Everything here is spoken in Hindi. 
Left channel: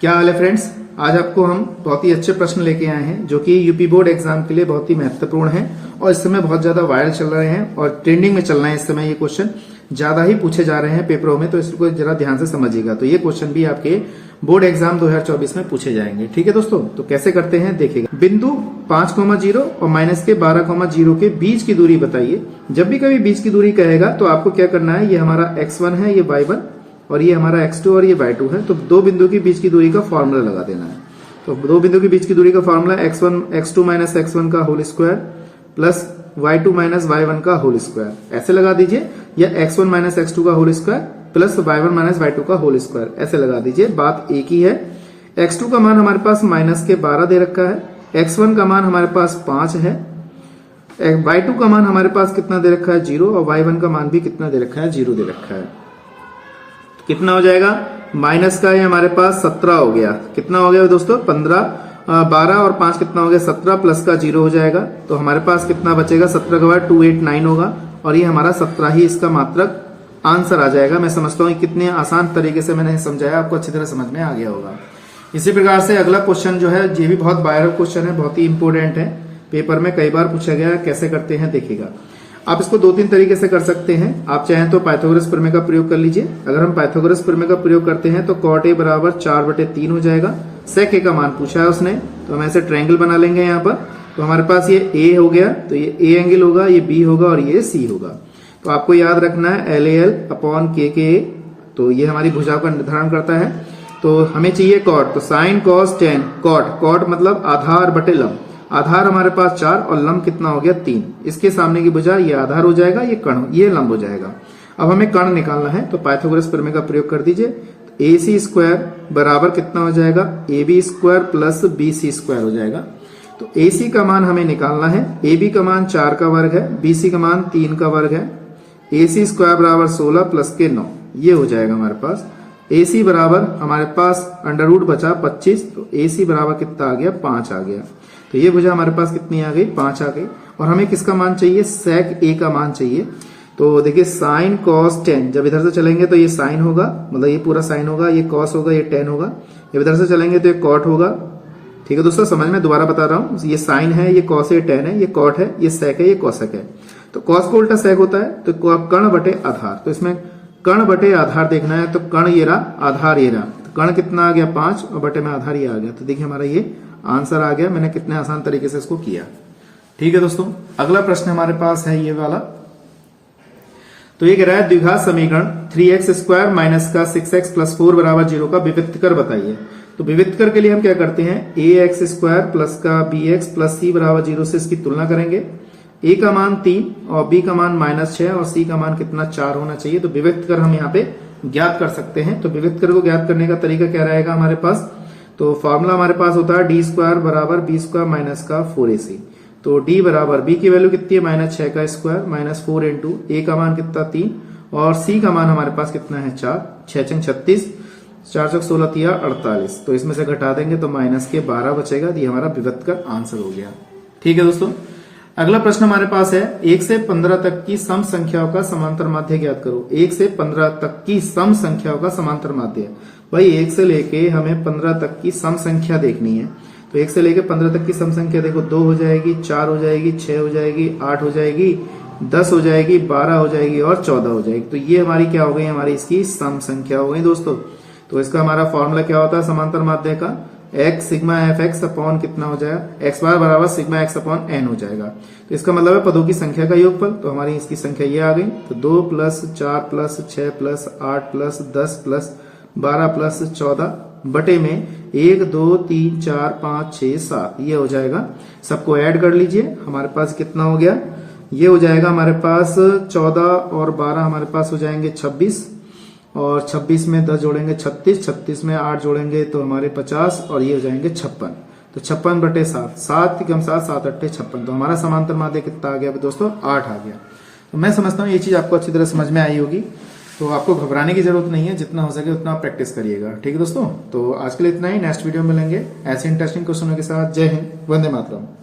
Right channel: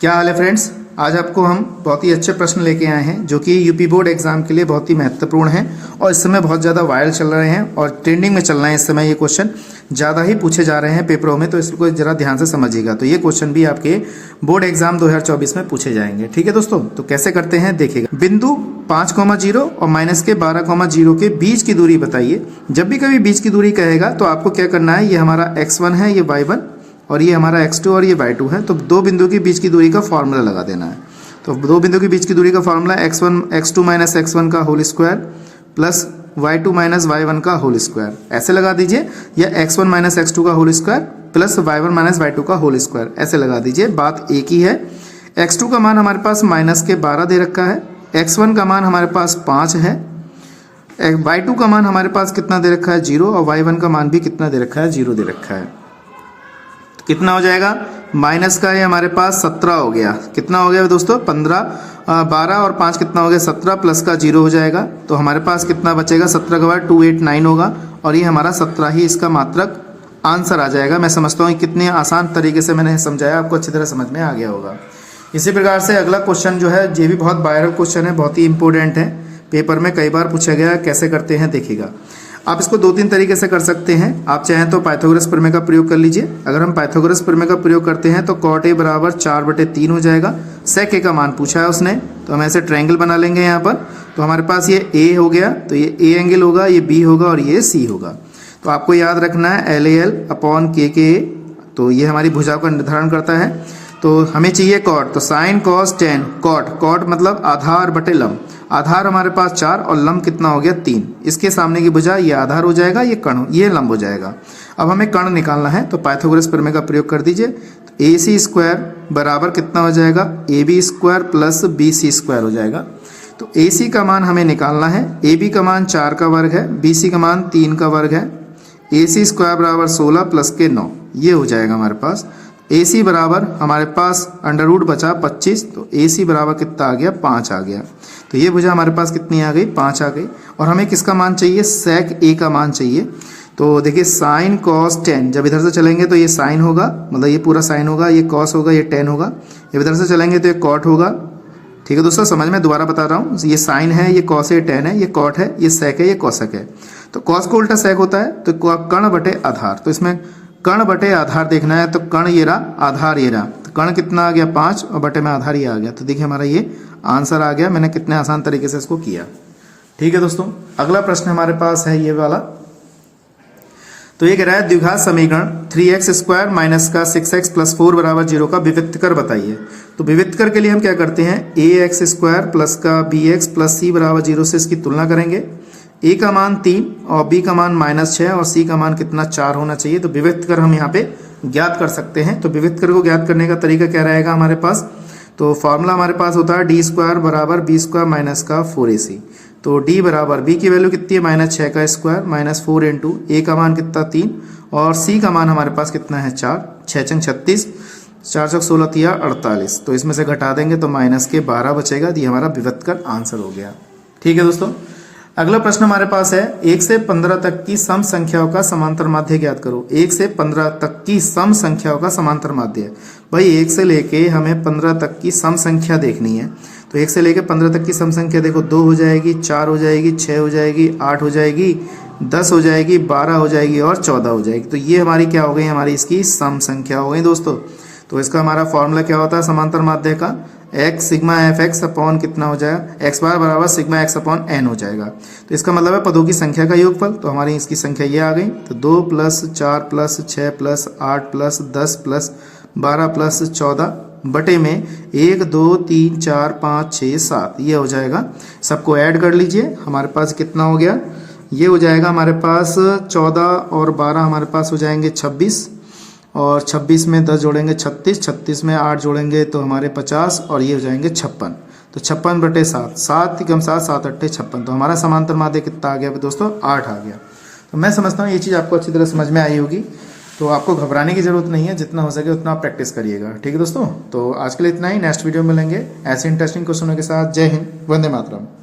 क्या हाल है फ्रेंड्स। आज आपको हम बहुत ही अच्छे प्रश्न लेके आए हैं जो कि यूपी बोर्ड एग्जाम के लिए बहुत ही महत्वपूर्ण हैं और इस समय बहुत ज़्यादा वायरल चल रहे हैं और ट्रेंडिंग में चल रहे हैं। इस समय ये क्वेश्चन ज़्यादा ही पूछे जा रहे हैं पेपरों में, तो इसको जरा ध्यान से समझिएगा। तो ये क्वेश्चन भी आपके बोर्ड एग्जाम 2024 में पूछे जाएंगे। ठीक है दोस्तों, तो कैसे करते हैं देखिएगा। बिंदु 5,0 और माइनस के 12,0 के बीच की दूरी बताइए। जब भी कभी बीच की दूरी कहेगा तो आपको क्या करना है, ये हमारा x1 है, ये y1 और ये हमारा x2 और ये y2 है। तो दो बिंदु के बीच की दूरी का फॉर्मूला लगा देना है। तो दो बिंदु के बीच की दूरी का फॉर्मूला x2 माइनस x1 का whole square plus y2 minus y1 का होल स्क्वायर, ऐसे लगा दीजिए, या x1 माइनस x2 का whole square plus y1 minus y2 का होल स्क्वायर, ऐसे लगा दीजिए। बात एक ही है। x2 का मान हमारे पास माइनस के 12 दे रखा है, x1 का मान हमारे पास 5 है, y2 का मान हमारे पास कितना दे रखा है 0, और y1 का मान भी कितना दे रखा है 0 दे रखा है। तो कितना हो जाएगा, माइनस का ये हमारे पास 17 हो गया। कितना हो गया दोस्तों, 12 और 5 कितना हो गया 17, प्लस का 0 हो जाएगा। तो हमारे पास कितना बचेगा, 17 के बाद 289 होगा और ये हमारा 17 ही इसका मात्रक आंसर आ जाएगा। मैं समझता हूँ कितने आसान तरीके से मैंने समझाया, आपको अच्छी तरह समझ में आ गया होगा। इसी प्रकार से अगला क्वेश्चन जो है ये भी बहुत वायरल क्वेश्चन है, बहुत ही इंपॉर्टेंट है, पेपर में कई बार पूछा गया। कैसे करते हैं देखिएगा। आप इसको 2-3 तरीके से कर सकते हैं। आप चाहें तो पाइथागोरस प्रमेय का प्रयोग कर लीजिए। अगर हम पाइथागोरस प्रमेय का प्रयोग करते हैं तो cot a बराबर 4/3 हो जाएगा। sec a का मान पूछा है उसने, तो हम ऐसे ट्रायंगल बना लेंगे यहाँ पर। तो हमारे पास ये a हो गया, तो ये a एंगल होगा, ये b होगा और ये c होगा। तो आपको याद रखना है LAL अपॉन KKA, तो ये हमारी भुजा का निर्धारण करता है। तो हमें चाहिए cot, तो sin cos tan, cot मतलब आधार बटे लंब। आधार हमारे पास 4 और लंब कितना हो गया 3। इसके सामने की भुजा ये आधार हो जाएगा, ये कर्ण, ये लंब हो जाएगा। अब हमें कर्ण निकालना है, तो पाइथागोरस प्रमेय का प्रयोग कर दीजिए। तो AC स्क्वायर बराबर कितना हो जाएगा, AB square plus BC square हो जाएगा। तो AC का मान हमें निकालना है, AB का मान 4 का वर्ग है, BC का मान 3 का वर्ग है। AC स्क्वायर बराबर 16 प्लस के 9, ये हो जाएगा हमारे पास। AC बराबर हमारे पास अंडर रूट बचा 25, तो AC बराबर कितना आ गया 5 आ गया। तो ये भुजा हमारे पास कितनी आ गई 5 आ गई। और हमें किसका मान चाहिए, sec a का मान चाहिए। तो देखिए sin cos tan, जब इधर से चलेंगे तो ये sin होगा, मतलब ये पूरा sin होगा, ये cos होगा, ये tan होगा। जब इधर से चलेंगे तो ये cot होगा। ठीक है दोस्तों, समझ में दोबारा बता रहा हूँ, ये sin है, ये cos है, tan है, ये cot है, ये sec है, ये cosec है। तो cos को उल्टा sec होता है, तो कर्ण बटे आधार। तो इसमें कर्ण बटे आधार देखना है, तो कर्ण ये रहा, आधार ये रहा। तो कर्ण कितना आ गया 5 और बटे में आधार ये आ गया। तो देखिए हमारा ये आंसर आ गया। मैंने कितने आसान तरीके से इसको किया। ठीक है दोस्तों, अगला प्रश्न हमारे पास है ये वाला। तो ये कह रहा है द्विघात समीकरण 3x स्क्वायर माइनस का 6x प्लस 4 बराबर 0 का विविक्तकर बताइए। तो विविक्तकर के लिए हम क्या करते हैं, ax स्क्वायर प्लस का bx प्लस c बराबर 0 से इसकी तुलना करेंगे। a का मान 3 और b का मान -6 और c का मान कितना 4 होना चाहिए। तो विविक्तकर हम यहाँ पे ज्ञात कर सकते हैं। तो विविक्तकर को ज्ञात करने का तरीका क्या रहेगा हमारे पास, तो फॉर्मूला हमारे पास होता है d स्क्वायर बराबर b स्क्वायर माइनस का 4ac। तो d बराबर b की वैल्यू कितनी है -6 का स्क्वायर माइनस 4 इंटू a का मान कितना 3 और c का मान हमारे पास कितना है 4, 6 छंग 36, 4 चौक 16 तिया 48। तो इसमें से घटा देंगे तो माइनस के 12 बचेगा। ये हमारा विविक्तकर आंसर हो गया। ठीक है दोस्तों, अगला प्रश्न हमारे पास है 1 से 15 तक की सम संख्याओं का समांतर माध्य ज्ञात करो। 1 से 15 तक की सम संख्याओं का समांतर माध्य। भाई 1 से लेके हमें 15 तक की सम संख्या देखनी है। तो 1 से लेके 15 तक की सम संख्या देखो, 2 हो जाएगी, 4 हो जाएगी, 6 हो जाएगी, 8 हो जाएगी, 10 हो जाएगी, 12 हो जाएगी और 14 हो जाएगी। तो ये हमारी क्या हो गई, हमारी इसकी सम संख्या हो गई दोस्तों। तो इसका हमारा फॉर्मूला क्या होता है समांतर माध्य का, x sigma F x upon कितना हो जाएगा, एक्स बार बराबर सिग्मा एक्स अपॉन एन हो जाएगा। तो इसका मतलब है पदों की संख्या का योगफल। तो हमारी इसकी संख्या ये आ गई। तो 2 plus 4 plus 6 plus 8 plus 10 plus 12 plus 14 बटे में 1 2 3 4 5 6 7, ये हो जाएगा। सबको ऐड कर लीजिए, हमारे पास कितना हो गया, ये हो जाएगा हमारे पास 14 और 12 हमारे पास हो जाएंगे 26 और 26 में 10 जोड़ेंगे 36, 36 में 8 जोड़ेंगे तो हमारे 50 और ये हो जाएंगे 56। तो 56 बटे 7, 7 कम 7, 7 अट्ठे 56। तो हमारा समांतर माध्य कितना आ गया दोस्तों, 8 आ गया। तो मैं समझता हूँ ये चीज़ आपको अच्छी तरह समझ में आई होगी। तो आपको घबराने की जरूरत नहीं है, जितना हो सके उतना प्रैक्टिस करिएगा। ठीक है दोस्तों, तो आज के लिए इतना ही। नेक्स्ट वीडियो में मिलेंगे ऐसे इंटरेस्टिंग क्वेश्चनों के साथ। जय हिंद, वंदे मातरम।